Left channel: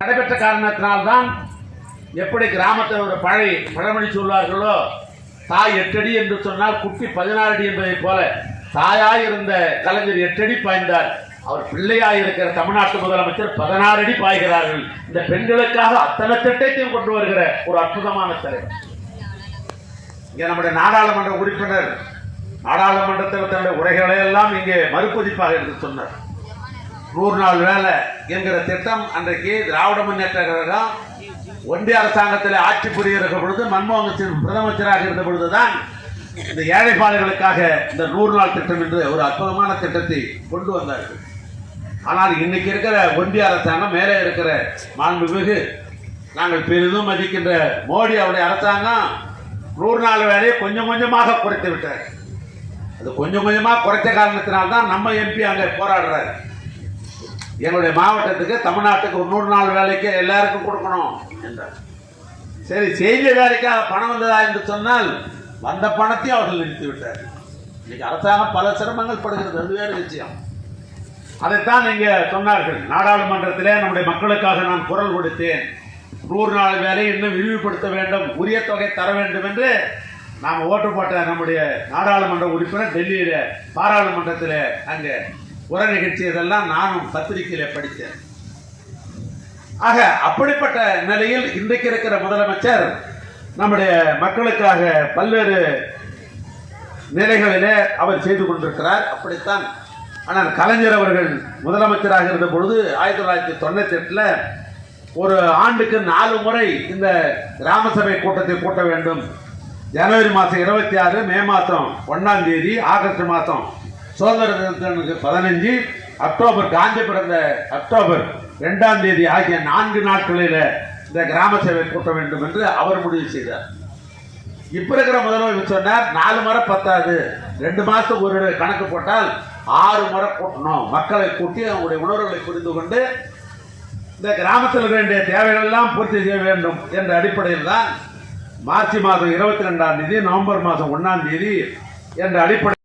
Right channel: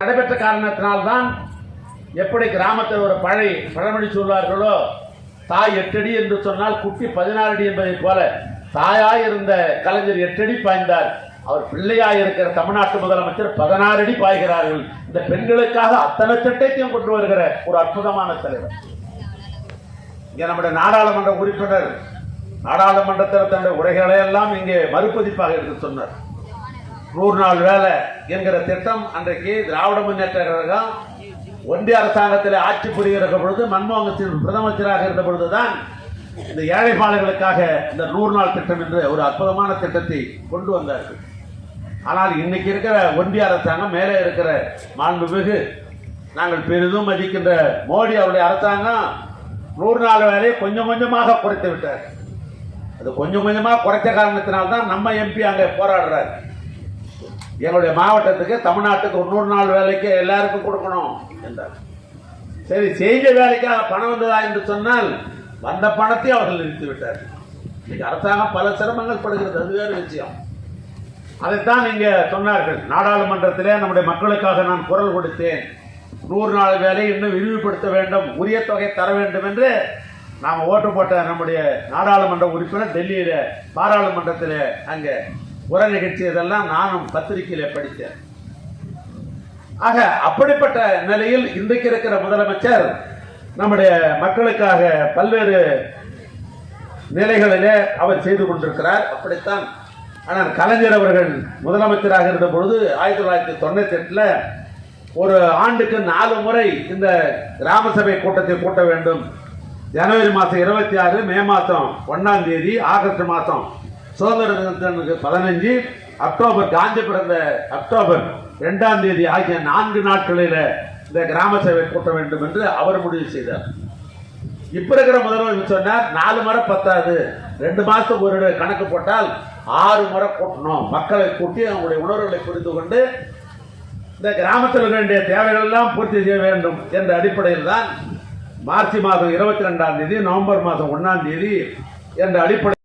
நடைபெற்ற காரணத்தினால்தான் எப்படி கிராமத்தில் ஒரு பழை பழமொழி சொல்வார்களோ தாய் எட்டடி என்று சொன்னால் குட்டி பதினாறு அடி என்பதைப் போல தாயாய் இருந்த கலைஞர் எட்டடி பாய்ந்தார். அவர் பிள்ளையாய் இருக்கிற தமிழ்நாட்டு முதலமைச்சர் பதினாறு அடி பாய்கிறார்கள். இந்த பெண்களுக்காக அத்தனை திட்டத்தையும் கொண்டு வருகிற ஒரு அற்புதமான தலைவர். இங்கே நம்முடைய நாடாளுமன்ற உறுப்பினர் நாடாளுமன்றத்தில் தன்னுடைய உரைகளை எல்லாம் இங்கே மறுபதிப்பாக எடுத்து சொன்னார். நூறு நாள் வேலை என்கிற திட்டம் அன்றைக்கு திராவிட முன்னேற்ற கழகம் ஒன்றிய அரசாங்கத்தில் ஆட்சி புரிகிற பொழுது மன்மோகன் சிங் பிரதமராக இருந்த பொழுதுதான் இந்த ஏழைப்பாளர்களுக்காக இந்த நூறு நாள் திட்டம் என்று ஒரு அற்புதமான திட்டத்தை கொண்டு வந்தார்கள். ஆனால் இன்னைக்கு இருக்கிற ஒன்றிய அரசாங்கம் மேலே இருக்கிற மாண்புமிகு நாங்கள் பெரிதும் மதிக்கின்ற மோடி அவருடைய அரசாங்கம் நூறு நாள் வேலையை கொஞ்சம் கொஞ்சமாக குறைத்து விட்டார். அது கொஞ்சம் கொஞ்சமாக குறைச்ச காரணத்தினால்தான் நம்ம எம்பி அங்கே போராடுறாரு. எங்களுடைய மாவட்டத்துக்கு தமிழ்நாட்டுக்கு ஒரு நூறு நாள் வேலைக்கு எல்லாருக்கும் கொடுக்கணும் என்றார். சரி செய்த வேலைக்காக பணம் வந்ததா என்று சொன்னால் வந்த பணத்தை அவர்கள் நிறுத்தி விட்டார் இன்னைக்கு அரசாங்கம் பல சிரமங்கள் படுகிறது அது வேறு விஷயம். அதைத்தான் இங்கே சொன்னார்கள். நாடாளுமன்றத்திலே நம்முடைய மக்களுக்காக நான் குரல் கொடுத்தேன். நூறு நாள் வேலை இன்னும் விரிவுபடுத்த வேண்டும் உரிய தொகை தர வேண்டும் என்று நாம் ஓட்டு போட்ட நம்முடைய நாடாளுமன்ற உறுப்பினர் டெல்லியில் பாராளுமன்றத்தில் அங்கே உர நிகழ்ச்சி இதெல்லாம் நானும் பத்திரிகையில படித்தேன். ஆக அப்படிப்பட்ட நிலையில் இன்றைக்கு இருக்கிற முதலமைச்சர் நம்முடைய மக்களுக்காக பல்வேறு நிலைகளிலே அவர் செய்து கொண்டிருக்கிறார். அப்படித்தான் ஆனால் கலைஞர் அவர்கள் முதலமைச்சராக இருந்த பொழுது ஆயிரத்தி தொள்ளாயிரத்தி தொண்ணூத்தி எட்டுல ஒரு ஆண்டுக்கு நாலு முறை இந்த கிராம சபை கூட்டத்தை கூட்ட வேண்டும். ஜனவரி மாதம் இருபத்தி ஆறு மே மாதம் ஒன்றாம் தேதி ஆகஸ்ட் மாதம் சுதந்திர தினத்திற்கு பதினஞ்சு அக்டோபர் காந்தி பிறந்த அக்டோபர் ரெண்டாம் தேதி ஆகிய நான்கு நாட்களில் இந்த கிராம சபை கூட்ட வேண்டும் என்று அவர் முடிவு செய்தார். இப்ப இருக்கிற முதல்வர் சொன்னார் நாலு முறை பத்தாது. ரெண்டு மாசத்துக்கு ஒரு கணக்கு போட்டால் ஆறு முறை கூட்டணும். மக்களை கூட்டி அவங்களுடைய உணர்வுகளை புரிந்து கொண்டு இந்த கிராமத்தில் இருக்க வேண்டிய தேவைகள் எல்லாம் பூர்த்தி செய்ய வேண்டும் என்ற அடிப்படையில் தான் மார்ச் மாதம் இருபத்தி ரெண்டாம் தேதி நவம்பர் மாதம் ஒன்றாம் தேதி என்ற அடிப்படை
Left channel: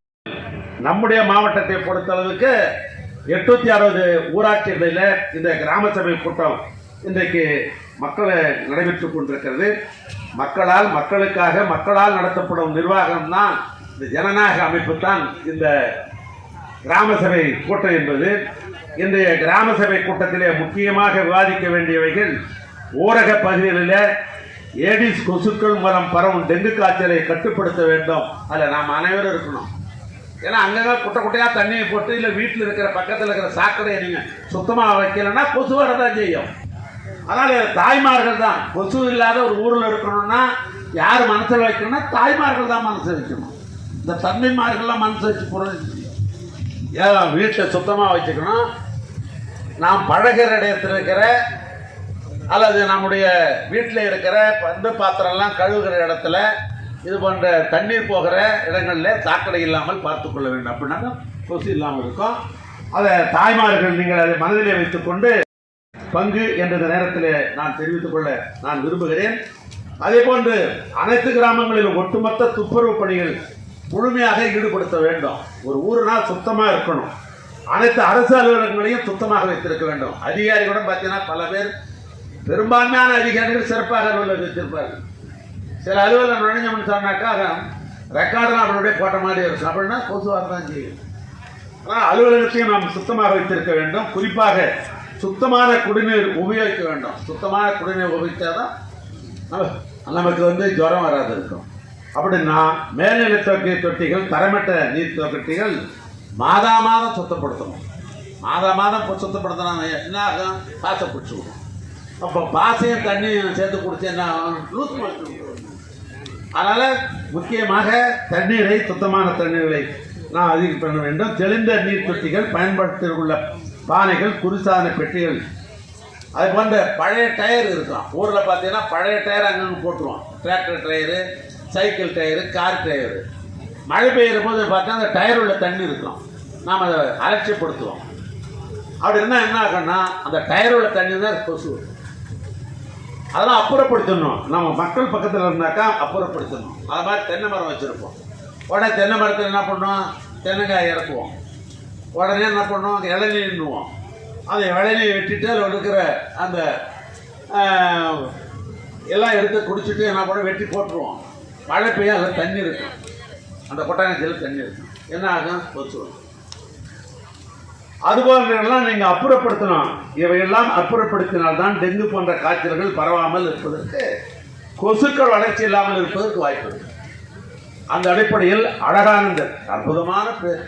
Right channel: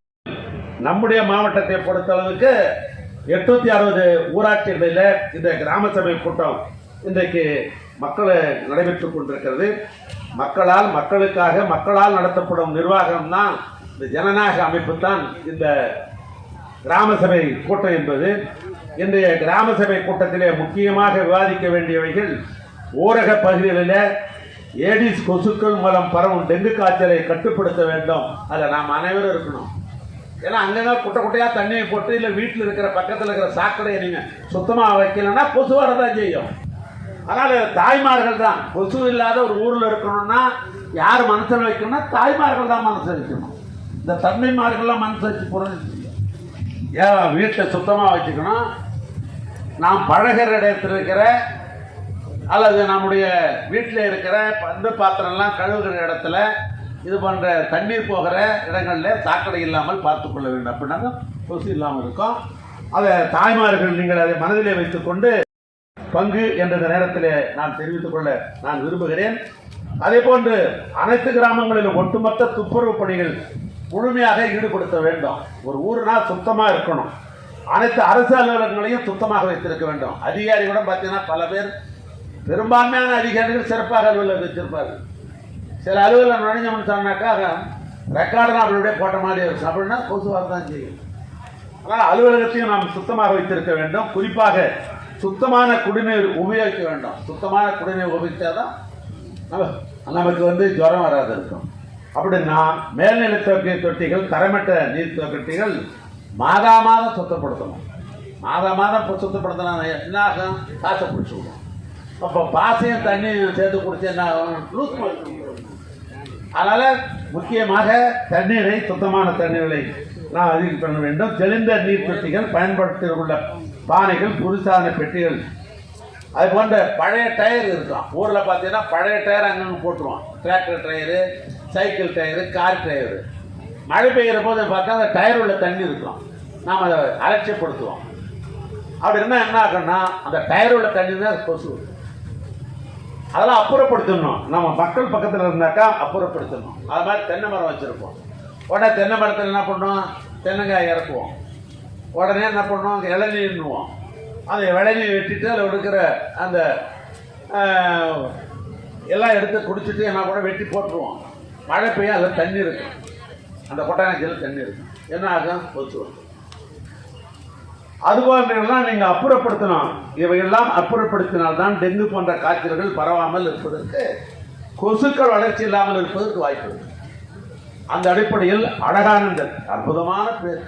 நம்முடைய மாவட்டத்தை பொறுத்தளவுக்கு எட்நூத்தி அறுபது ஊராட்சிகளில் இந்த கிராம சபை கூட்டம் இன்றைக்கு மக்களை நடைபெற்றுக் கொண்டிருக்கிறது. மக்களால் மக்களுக்காக மக்களால் நடத்தப்படும் நிர்வாகம் தான் இந்த ஜனநாயக அமைப்பு தான் இந்த கிராம சபை கூட்டம் என்பது. இன்றைய கிராம சபை கூட்டத்திலே முக்கியமாக விவாதிக்க வேண்டியவைகள் ஊரக பகுதிகளில் ஏடிஸ் கொசுக்கள் மூலம் பரவும் டெங்கு காய்ச்சலை கட்டுப்படுத்த வேண்டும். அதில் நாம் அனைவரும் இருக்கணும். ஏன்னா அங்கங்கே குட்டை குட்டையாக தண்ணியை போட்டு இல்லை வீட்டில் இருக்கிற பக்கத்தில் இருக்கிற சாக்கடையை நீங்கள் சுத்தமாக வைக்கலைன்னா கொசு வரதான் செய்யும். அதனால் தாய்மார்கள் தான். கொசு இல்லாத ஒரு ஊரில் இருக்கணும்னா யார் மனசில் வைக்கணும்னா தாய்மார்கள் தான் மனசு வைக்கணும். இந்த தன்மைமார்கள்லாம் மனசு வச்சு புரிஞ்சு ஏன் வீட்டை சுத்தமாக வச்சுக்கணும்? நாம் பழகிற இடத்துல இருக்கிற அல்லது நம்முடைய வீட்டில் இருக்கிற பந்து பாத்திரம்லாம் கழுவுகிற இடத்துல இது போன்ற தண்ணீர் போகிற இடங்களில் சாக்கடை இல்லாமல் பார்த்துக்கொள்ள வேண்டும். அப்படின்னா கொசு இல்லாமல் இருக்கும். அதை தாய்மார்கள் நீங்கள் அதை மனதிலே வைத்துக்கொண்டு பங்கு என்ற நேரத்தில் நான் தெரிவித்துக் கொள்ள நான் விரும்புகிறேன். அதே போன்று அனைத்து கிராமங்களிலும் ஒட்டுமொத்த துப்புரவு பணிகள் முழுமையாக ஈடுபடுத்த வேண்டும். ஒரு ஊருனா சுத்தமாக இருக்கணும். அனைத்து அரசு அலுவலகங்களையும் சுத்தமாக வைத்திருக்க வேண்டும். அதிகாரிகளுடன் பார்த்தீங்கன்னா பல பேர் பெரும்பான்மையான அதிகாரிகள் சிறப்பாக அலுவலகம் வச்சிருப்பார்கள் சில அலுவலகம் நுழைஞ்சோம்னு சொன்னாக்கா ரெக்கார்டெலாம் அவருடைய போட்ட மாதிரி இருக்கும் அப்படின்னா கொசுவாக தான் செய்யும். ஆனால் அலுவலகத்தையும் நாம் சுத்தமாக வைத்திருக்க வேண்டும். குறிப்பாக சுத்தமான குடிநீர் உபயோகிக்க வேண்டும். சுத்தமான குடிநீர் உபயோகித்தாதான் தான் நமக்கு வந்து ஜுரம் வராது இருக்கும். அப்படின்னா மேல்நிலை தொட்டி தொட்டிகள் தரமட்ட நீர் தொட்டிகள் மாதா மாதம் சுத்தப்படுத்தணும். மாதா மாதம் இப்போ சுத்தப்படுத்தினா என்ன ஆகும்? பாசை பிடிச்சி விடும் அப்போ பாசையும் தண்ணியும் சேர்த்து குடிச்சு என்ன ஆகும்? லூஸ் மோஷன் அதனால் முக்கியமாக தண்ணீரை சுத்தமான தண்ணீரை நாம் அதிகம் பண்ண வேண்டும். தெளிந்த நீர் தொட்டிகள் பயன்படுத்த உள்ள பானைகள் குருசாதன பெட்டிகள். அது போன்ற பழைய டயர் இருக்கும் ஊரில் பார்த்தீங்கன்னா பழைய டயர் அங்கங்கே போட்டுருவோம் tractor tyre cycle tyre car tyre. மழை பெய்கிற போது பார்த்தா அந்த டயர் உள்ள தண்ணி இருக்கும். நாம் அதை அலட்சியப்படுத்துவோம். அப்படி இருந்தால் என்ன ஆகும்னா அந்த டயர் உள்ள தண்ணி தான் கொசு. அதெல்லாம் அப்புறப்படுத்தணும். நம்ம மக்கள் பக்கத்தில் இருந்தாக்கா அப்புறப்படுத்தணும். அது மாதிரி தென்னை மரம் வச்சுருப்போம். உடனே தென்னை மரத்தில் என்ன பண்ணுவோம்? தென்னங்காய் இறக்குவோம். உடனே என்ன பண்ணுவோம்? இளநீர்னுவோம் அதை இளநீர் வெட்டிட்டு அதில் இருக்கிற அந்த எல்லாம் எடுத்து குடிச்சிட்டு என்ன கூட வெட்டி போட்டுருவோம். மழை பெய்யும் அதில் தண்ணி இருக்கும். அந்த கொட்டாங்கச்சியில் தண்ணி இருக்கும். என்ன ஆகும்? கொசுரும் அதுபோன்றெல்லாம் நீங்கள் அப்புறப்படுத்தணும். இவையெல்லாம் அப்புறப்படுத்தினால்தான் டெங்கு போன்ற காய்ச்சல்கள் பரவாமல் இருப்பதற்கு கொசுக்கள் வளர்ச்சி இல்லாமல் இருப்பதற்கு வாய்ப்பு அந்த அடிப்படையில் அழகானந்தர் அற்புதமான பேர்.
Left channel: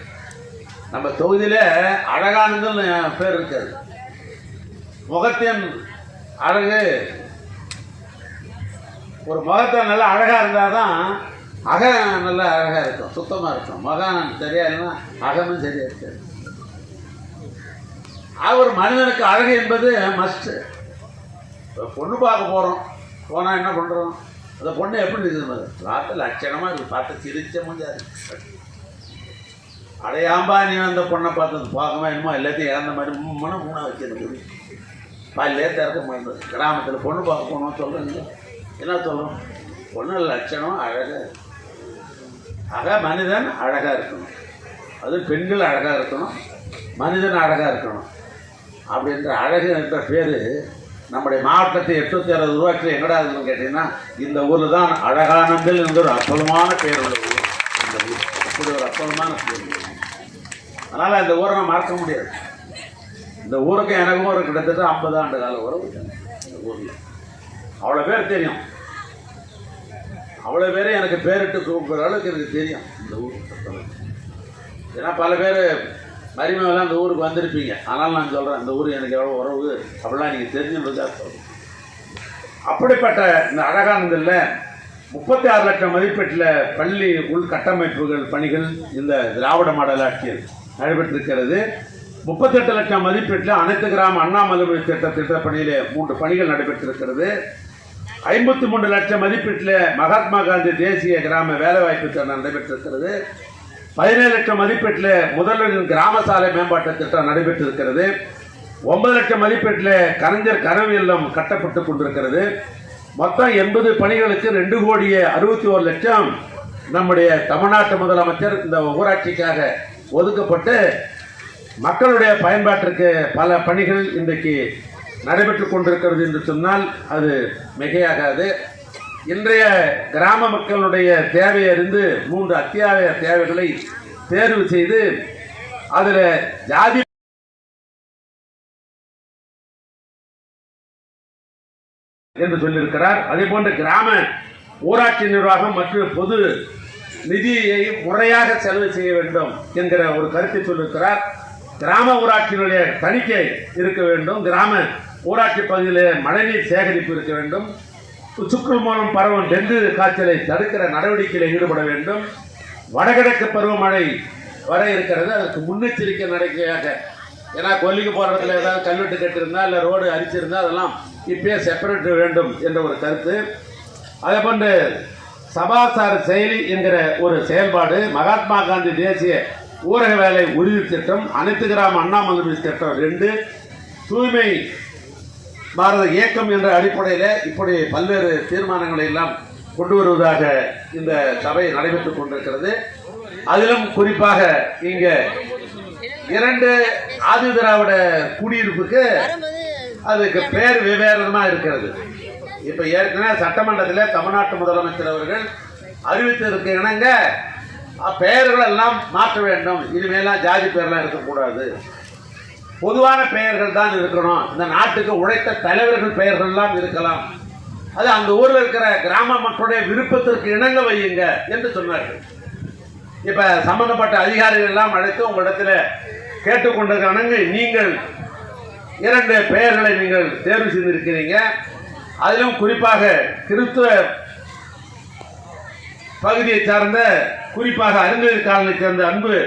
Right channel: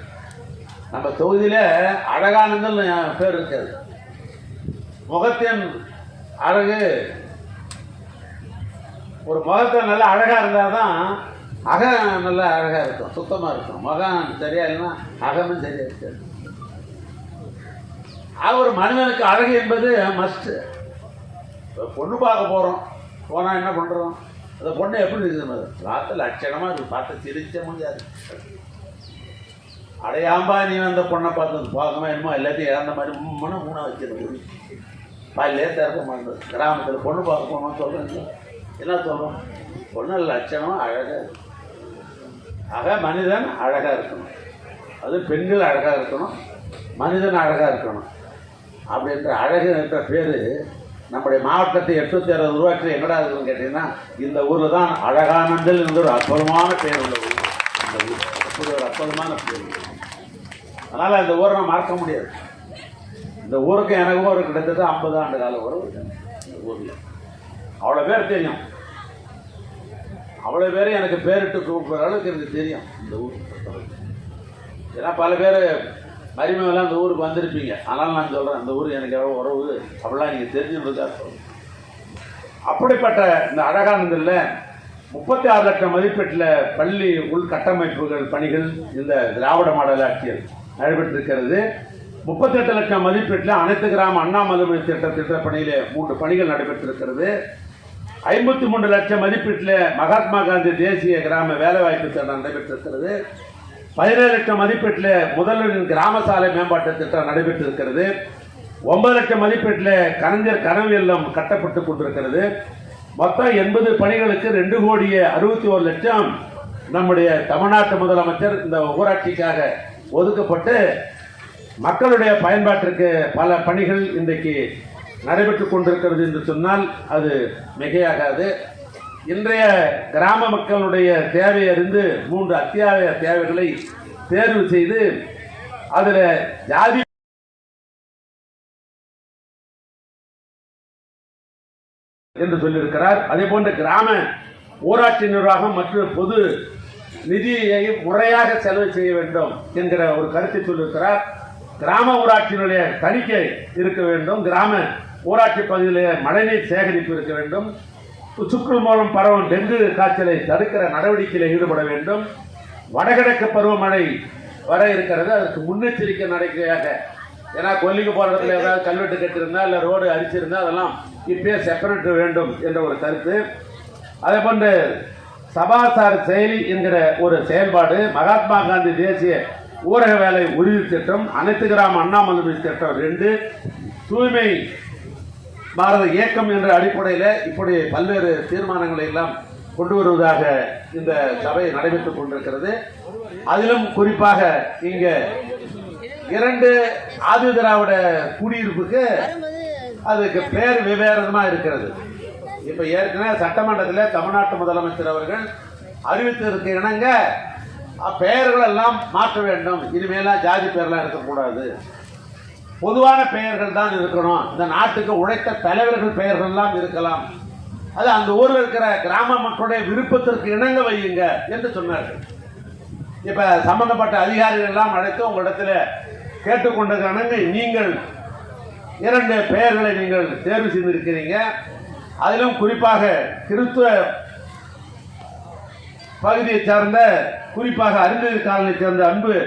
நம்ம தொகுதியில அழகானந்தன் பேர் இருக்காது முகத்தின் அழகு ஒரு முகத்தை நல்லா அழகா இருந்தாதான் அகம் நல்லா அழகா இருக்கும் சுத்தமா இருக்கும். முகம் சரியா இல்லைன்னா அகமும் சரியா இருக்காது. ஒரு மனிதனுக்கு அழகு என்பது மஸ்ட் பொண்ணு பார்க்க போகிறோம் போனால் என்ன பண்ணுறோம் அந்த பொண்ணு எப்படி இருக்குது பார்த்து லட்சணமாக இருக்கு. பார்த்து சிரிச்ச முடியாது அடையாம்பா நீ அந்த பொண்ணை பார்த்து பார்க்கமா என்னமோ எல்லாத்தையும் இழந்த மாதிரி மனம் மூணாக வச்சிருக்க முடியும் பாயிலே திறக்க மாட்டேன் கிராமத்தில் பொண்ணு பார்க்க போகணும்னு சொல்கிறீங்க என்ன சொல்கிறோம் பொண்ணு லட்சணம் அழகாக இருக்கும் ஆக மனிதன் அழகாக இருக்கணும். அது பெண்கள் அழகாக இருக்கணும். மனிதன் அழகாக இருக்கணும். அப்படின்ற அழகு என்ற பேர் நம்முடைய மாவட்டத்தை எட்நூத்தி அறுபது உருவாக்கி எங்கடா இருக்குன்னு கேட்டீங்கன்னா இந்த ஊரில் தான் அழகானந்தல் என்ற ஒரு அற்புதமான பேர் உள்ள ஊர். இந்த ஊர் அப்படி ஒரு அற்புதமான பேர். அதனால் இந்த ஊரை நான் மறக்க முடியாது. இந்த ஊருக்கு எனக்கும் ஒரு கிட்டத்தட்ட ஐம்பது ஆண்டு கால உறவு இந்த ஊரில். அவ்வளோ பேர் தெரியும். அவ்வளோ பேரும் எனக்கு பேரிட்டு கூப்பிட்ற அளவுக்கு எனக்கு தெரியும் இந்த ஊர். ஏன்னா பல பேர் மருமையெல்லாம் அந்த ஊருக்கு வந்திருப்பீங்க. ஆனால் நான் சொல்கிறேன் அந்த ஊர் எனக்கு எவ்வளோ உறவு அப்படிலாம் நீங்கள் தெரிஞ்சுன்றதா சொல்கிறேன் அப்படிப்பட்ட இந்த அழகானந்தில் முப்பத்தி ஆறு லட்சம் மதிப்பீட்டில் பள்ளி உள்கட்டமைப்புகள் பணிகள் இந்த திராவிட மாடல் ஆட்சியில் நடைபெற்றிருக்கிறது. முப்பத்தெட்டு லட்சம் மதிப்பீட்டில் அனைத்து கிராம அண்ணாமலை திட்ட திட்டப்பணியிலே மூன்று பணிகள் நடைபெற்றிருக்கிறது. ஐம்பத்தி மூன்று லட்சம் மதிப்பீட்டில் மகாத்மா காந்தி தேசிய கிராம வேலைவாய்ப்பு திட்டம் நடைபெற்றிருக்கிறது. பதினேழு லட்சம் மதிப்பீட்டில் முதல்வரின் கிராம சாலை மேம்பாட்டு திட்டம் நடைபெற்றிருக்கிறது. ஒன்பது லட்சம் மதிப்பீட்டில் கலைஞர் கனவு இல்லம் கட்டப்பட்டு கொண்டிருக்கிறது. மொத்தம் எண்பது பணிகளுக்கு ரெண்டு கோடியே அறுபத்தி ஒரு லட்சம் நம்முடைய தமிழ்நாட்டு முதலமைச்சர் இந்த ஊராட்சிக்காக ஒதுக்கப்பட்டு மக்களுடைய பயன்பாட்டிற்கு பல பணிகள் இன்றைக்கு நடைபெற்று கொண்டிருக்கிறது என்று சொன்னால் அது மிகையாகாது. இன்றைய கிராம மக்களுடைய தேவையறிந்து மூன்று அத்தியாவசிய தேவைகளை தேர்வு செய்து அதில் ஜாதி என்று சொல்லியிருக்கிறார். அதே போன்று கிராம ஊராட்சி நிர்வாகம் மற்றும் பொது நிதியை முறையாக செலவு செய்ய வேண்டும் என்கிற ஒரு கருத்தை சொல்லியிருக்கிறார். கிராம ஊராட்சியினுடைய தணிக்கை இருக்க வேண்டும். கிராம ஊராட்சி பகுதியில் மழைநீர் சேகரிப்பு இருக்க வேண்டும். சுற்று மூலம் பரவும் டெங்கு காய்ச்சலை தடுக்கிற நடவடிக்கையில் ஈடுபட வேண்டும். வடகிழக்கு பருவமழை வர இருக்கிறது. அதற்கு முன்னெச்சரிக்கை நடக்கையாக ஏன்னா கொல்லிக்கு போகிற இடத்துல ஏதாவது கல்வெட்டு கட்டியிருந்தா இல்லை ரோடு அரிச்சிருந்தா அதெல்லாம் இப்பயே செப்பரேட் வேண்டும் என்ற ஒரு கருத்து. அதே போன்று சபாசார செயலி என்கிற ஒரு செயல்பாடு மகாத்மா காந்தி தேசிய ஊரக வேலை உறுதி திட்டம் அனைத்து கிராம அண்ணாமலை திட்டம் ரெண்டு தூய்மை பாரத இயக்கம் என்ற அடிப்படையில் இப்படி பல்வேறு தீர்மானங்களை எல்லாம் கொண்டு வருவதாக இந்த சபை நடைபெற்றுக் கொண்டிருக்கிறது. அதிலும் குறிப்பாக இங்க இரண்டு ஆதி திராவிட குடியிருப்புக்கு அதுக்கு பேர் விவேரமா இருக்கிறது. இப்ப ஏற்கனவே சட்டமன்றத்தில் தமிழ்நாட்டு முதலமைச்சர் அவர்கள் அறிவித்திருக்க இணங்க பெயர்கள் எல்லாம் மாற்ற வேண்டும். இனிமேலாம் ஜாதி பேர்லாம் இருக்கக்கூடாது. பொதுவான பெயர்கள் தான் இருக்கணும். இந்த நாட்டுக்கு உழைத்த தலைவர்கள் பெயர்கள்லாம் இருக்கலாம். அது அந்த ஊரில் இருக்கிற கிராம மக்களுடைய விருப்பத்திற்கு இணங்க வையுங்க என்று சொன்னார்கள். இப்ப சம்பந்தப்பட்ட அதிகாரிகள் எல்லாம் அழைத்து உங்களிடத்தில் கேட்டுக்கொண்டிருக்கானங்க நீங்கள் இரண்டு பெயர்களை நீங்கள் தேர்வு செய்திருக்கிறீங்க. அதிலும் குறிப்பாக கிறிஸ்துவ பகுதியை சார்ந்த குறிப்பாக அறிஞர் காலனை சேர்ந்த அன்பு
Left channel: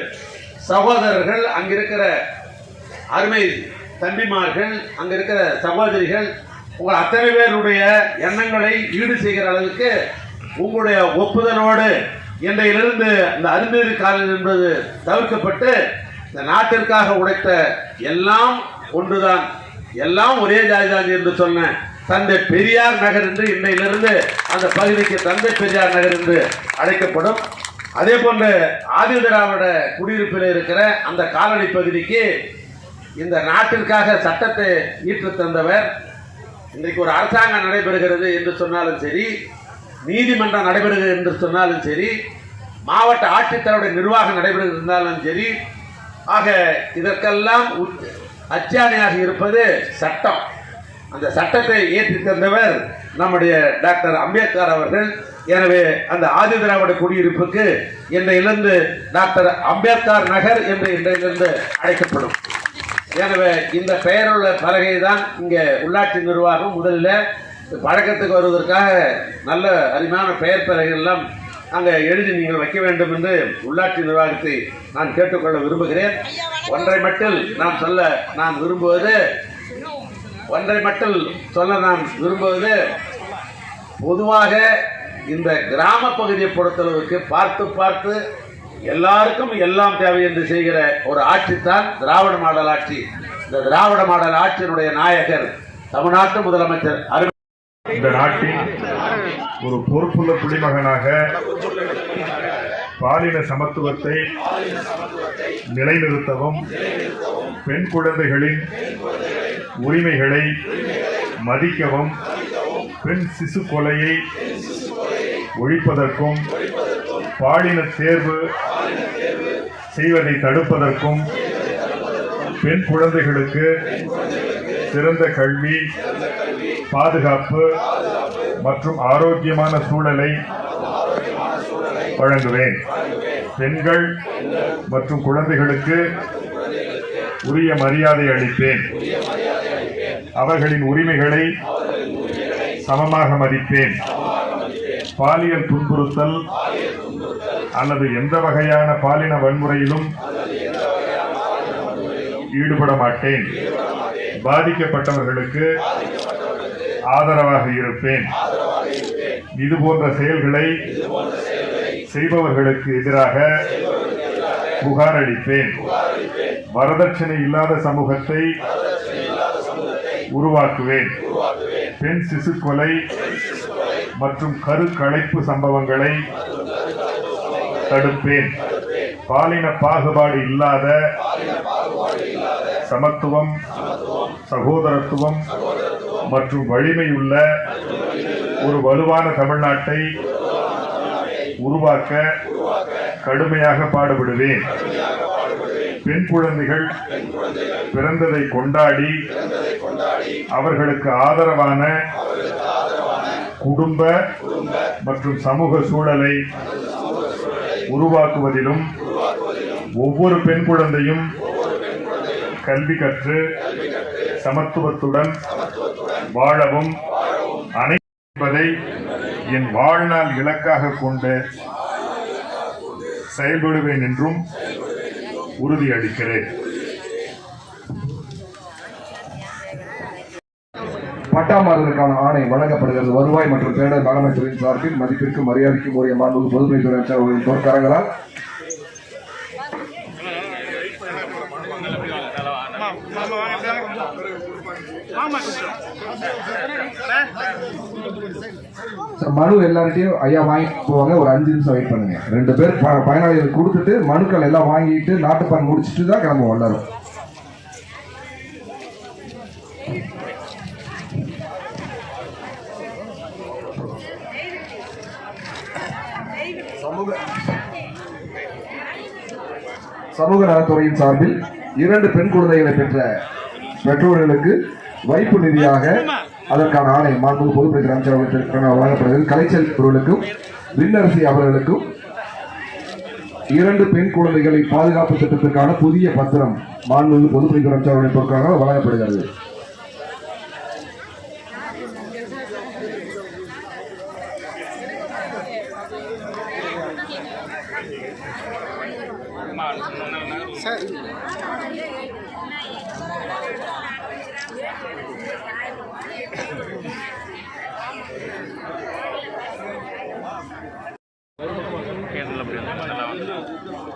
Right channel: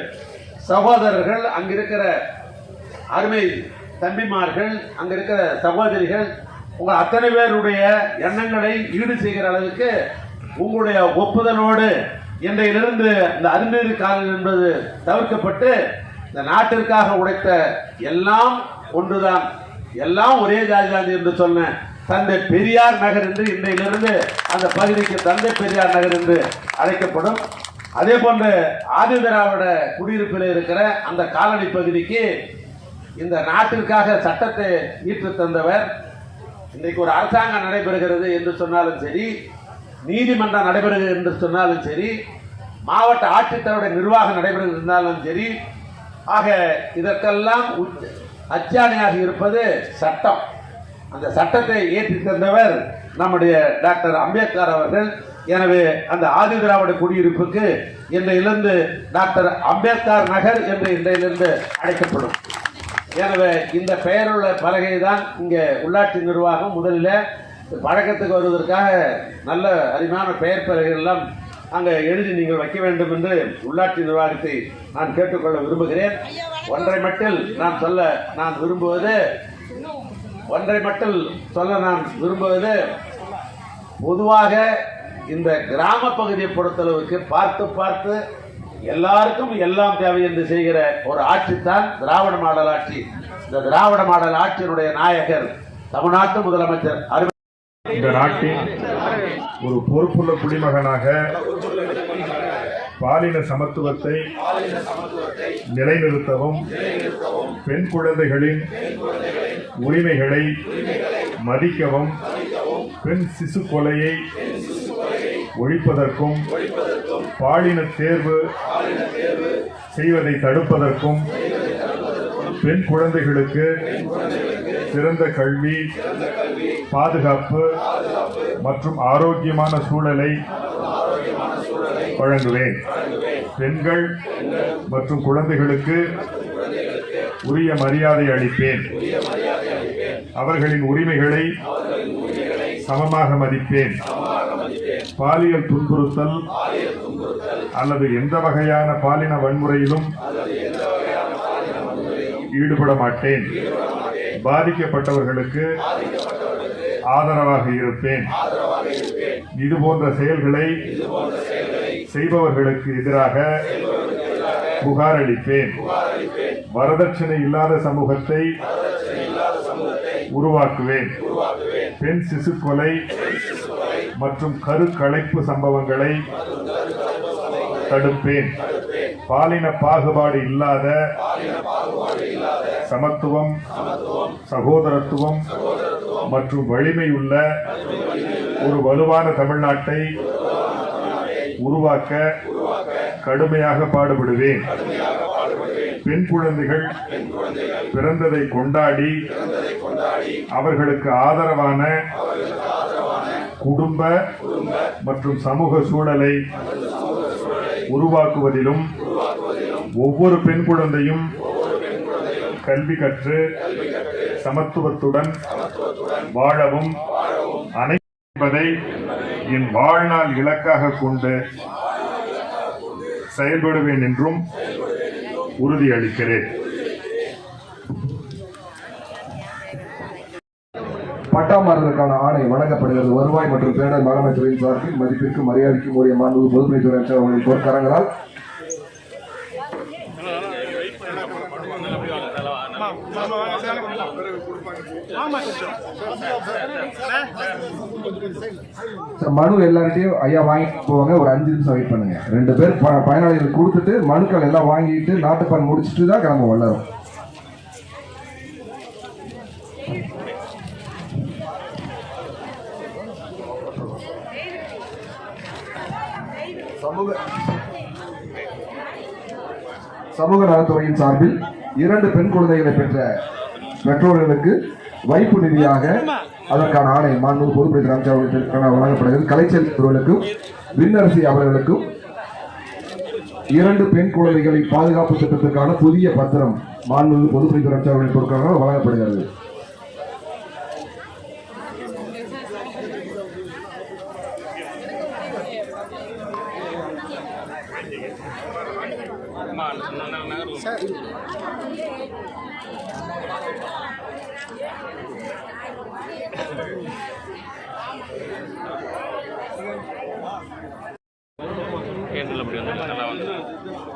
சகோதரர்கள் அங்கிருக்கிற அருமை தம்பிமார்கள் அங்கே இருக்கிற சகோதரிகள் உங்கள் அத்தனை பேருடைய எண்ணங்களை ஈடு செய்கிற அளவுக்கு உங்களுடைய ஒப்புதலோடு இன்றையிலிருந்து இந்த அருந்ததி காலம் என்பது தவிர்க்கப்பட்டு இந்த நாட்டிற்காக உழைத்த எல்லாம் ஒன்றுதான். எல்லாம் ஒரே ஜாதிதான் என்று சொன்னேன் தந்தை பெரியார் நகர் என்று இன்றையிலிருந்து அந்த பகுதிக்கு தந்தை பெரியார் நகர் என்று அழைக்கப்படும். அதே போன்று ஆதி திராவிட குடியிருப்பில் இருக்கிற அந்த காலனி பகுதிக்கு இந்த நாட்டிற்காக சட்டத்தை ஈற்று தந்தவர் இன்றைக்கு ஒரு அரசாங்கம் நடைபெறுகிறது என்று சொன்னாலும் சரி நீதிமன்றம் நடைபெறுகிறது என்று சொன்னாலும் சரி மாவட்ட ஆட்சித்தலைவருடைய நிர்வாகம் நடைபெறுகிறது இருந்தாலும் சரி ஆக இதற்கெல்லாம் அச்சாணையாக இருப்பது சட்டம். அந்த சட்டத்தை ஏற்றி தந்தவர் நம்முடைய டாக்டர் அம்பேத்கர் அவர்கள். எனவே அந்த ஆதி திராவிட குடியிருப்புக்கு இன்றையிலிருந்து டாக்டர் அம்பேத்கர் நகர் என்று இன்றையிலிருந்து அழைக்கப்படும். எனவே இந்த பெயருள்ள பலகை தான் இங்கே உள்ளாட்சி நிர்வாகம் முதலில் பழக்கத்துக்கு வருவதற்காக நல்ல அருமையான பெயர் பலகைகள் அங்கே எழுதி நீங்கள் வைக்க வேண்டும் என்று உள்ளாட்சி நிர்வாகத்தை நான் கேட்டுக்கொள்ள விரும்புகிறேன். ஒன்றை மட்டும் நான் சொல்ல நான் விரும்புவது ஒன்றை மட்டும் சொல்ல நான் விரும்புவது பொதுவாக இந்த கிராம பகுதியை பொறுத்தளவுக்கு பார்த்து பார்த்து எல்லாருக்கும் எல்லாம் தேவை என்று செய்கிற ஒரு ஆட்சி தான் திராவிட மாடல் ஆட்சி. இந்த திராவிட மாடல் ஆட்சியினுடைய நாயகர் தமிழ்நாட்டு முதலமைச்சர் அரு இந்த நாட்டின் ஒரு பொறுப்புள்ள குடிமகனாக பாலின சமத்துவத்தை நிலைநிறுத்தவும் பெண் குழந்தைகளின் உரிமைகளை மதிக்கவும் பெண் சிசு கொலையை ஒழிப்பதற்கும் பாலின தேர்வு செய்வதை தடுப்பதற்கும் பெண் குழந்தைகளுக்கு சிறந்த கல்வி பாதுகாப்பு மற்றும் ஆரோக்கியமான சூழலை வழங்குவேன். பெண்கள் மற்றும் குழந்தைகளுக்கு உரிய மரியாதை அளிப்பேன். அவர்களின் உரிமைகளை சமமாக மதிப்பேன். பாலியல் துன்புறுத்தல் அல்லது எந்த வகையான பாலின வன்முறையிலும் ஈடுபட மாட்டேன். பாதிக்கப்பட்டவர்களுக்கு ஆதரவாக இருப்பேன். இது போன்ற செயல்களை செய்பவர்களுக்கு எதிராக புகார் அளிப்பேன். வரதட்சணை இல்லாத சமூகத்தை உருவாக்குவேன். பெண் சிசு கொலை மற்றும் கருக்கலைப்பு சம்பவங்களை தடுப்பேன். பாலின பாகுபாடு இல்லாத சமத்துவம் சகோதரத்துவம் மற்றும் வலிமையுள்ள ஒரு வலுவான தமிழ்நாட்டை உருவாக்க கடுமையாக பாடுபடுவேன். பெண் குழந்தைகள் பிறந்ததை கொண்டாடி அவர்களுக்கு ஆதரவான குடும்ப மற்றும் சமூக சூழலை உருவாக்குவதிலும் ஒவ்வொரு பெண் குழந்தையும் கல்வி கற்று சமத்துவத்துடன் வாழவும் அனைப்பதை என் வாழ்நாள் இலக்காக கொண்டு செயல்படுவேன் என்றும் உறுதியளிக்கிறேன். பட்டா ஆணை வழங்கப்படுகிறது. வருவாய் மற்றும் பேரர் மேலாண்மை சார்பில் மதிப்பிற்கும் மரியாதைக்கும் உரிய மாண்பு பொதுப்பணித்துறை அமைச்சர் அவர்களின் பொற்கரங்களால் மனு எல்லார்ட்டையும் ஐயா வாங்கிட்டு போவாங்க. ஒரு அஞ்சு நிமிஷம் வெயிட் பண்ணுங்க. ரெண்டு பேர் ப- பயனாளிகள் கொடுத்துட்டு மனுக்கள் எல்லாம் வாங்கிட்டு நாட்டுப்பான் முடிச்சுட்டு தான் கிளம்புவோம் எல்லாரும். சமூக நலத்துறையின் சார்பில் இரண்டு பெண் குழந்தைகளை பெற்ற பெற்றோர்களுக்கு வைப்பு நிதியாக அதற்கான ஆணை மாண்பு பொதுப்பணித்துறை அமைச்சர் அவர்களுக்கான வழங்கப்படுகிறது. கலைச்சல் அவர்களுக்கும் விண்ணரசி அவர்களுக்கும் இரண்டு பெண் குழந்தைகளை பாதுகாப்பு திட்டத்திற்கான புதிய பத்திரம் மாண்பு பொதுப்பணித்துறை அமைச்சர் வழங்கப்படுகிறது. பொருட்களாக வழங்கப்படுகிறது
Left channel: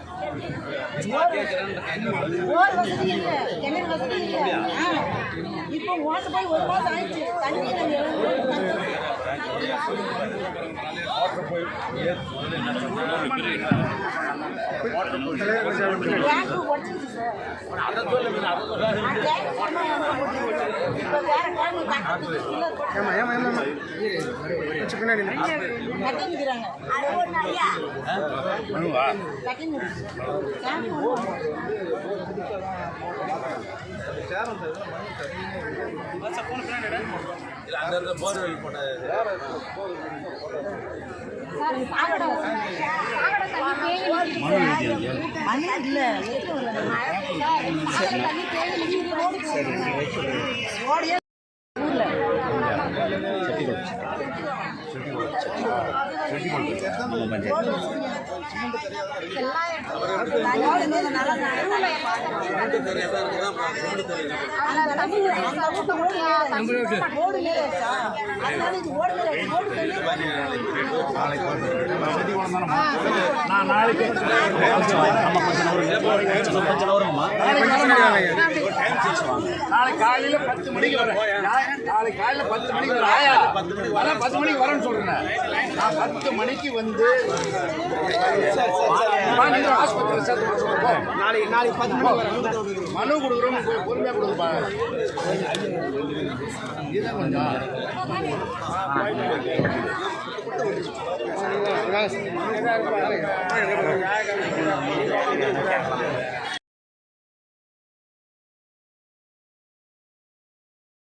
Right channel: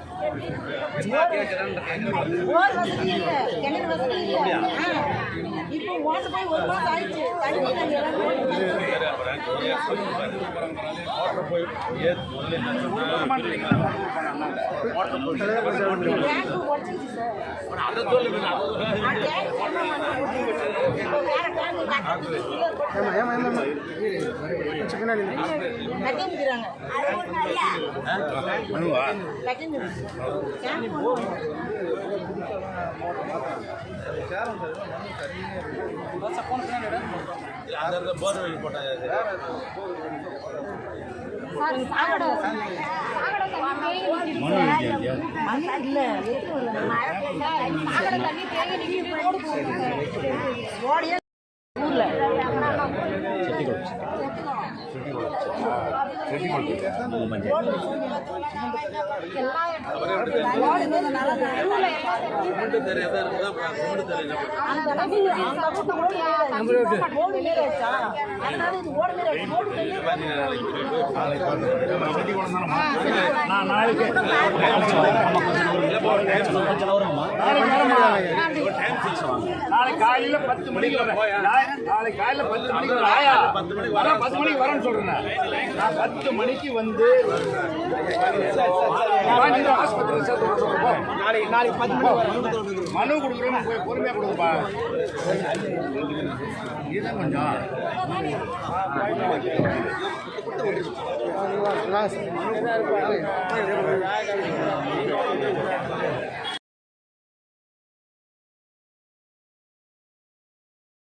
போர் வசதி இல்ல. கிணறு வசதி இல்ல. இப்போ ஓட்டு போய் ஒரு ஆயிடுச்சு. தண்ணி உடைச்சிருச்சு சார் ஆ, டேங்க் போனா இப்போ ஊர்ல அந்த அளவுக்கு அந்த அளவுக்கு ஓடு நீர் ஓடு நீர் ஆச்சா அதனால இது ஓடு நீர் ஆச்சு ஓடு தண்ணி நாளை காலையில பத்து மணிக்கு வரேன் நாளை காலையில பத்து மணிக்கு பத்து மணிக்கு வரேன் பத்து மணிக்கு வரேன்னு நான் பத்து மணிக்கு வந்து ஆஸ்பத்திரியில் சேர்த்து நாளைக்கு நாளைக்கு பத்து மனு கொடுக்குறோம் போய் பொறுமையா கொடுப்பா இதான் கொஞ்சம்.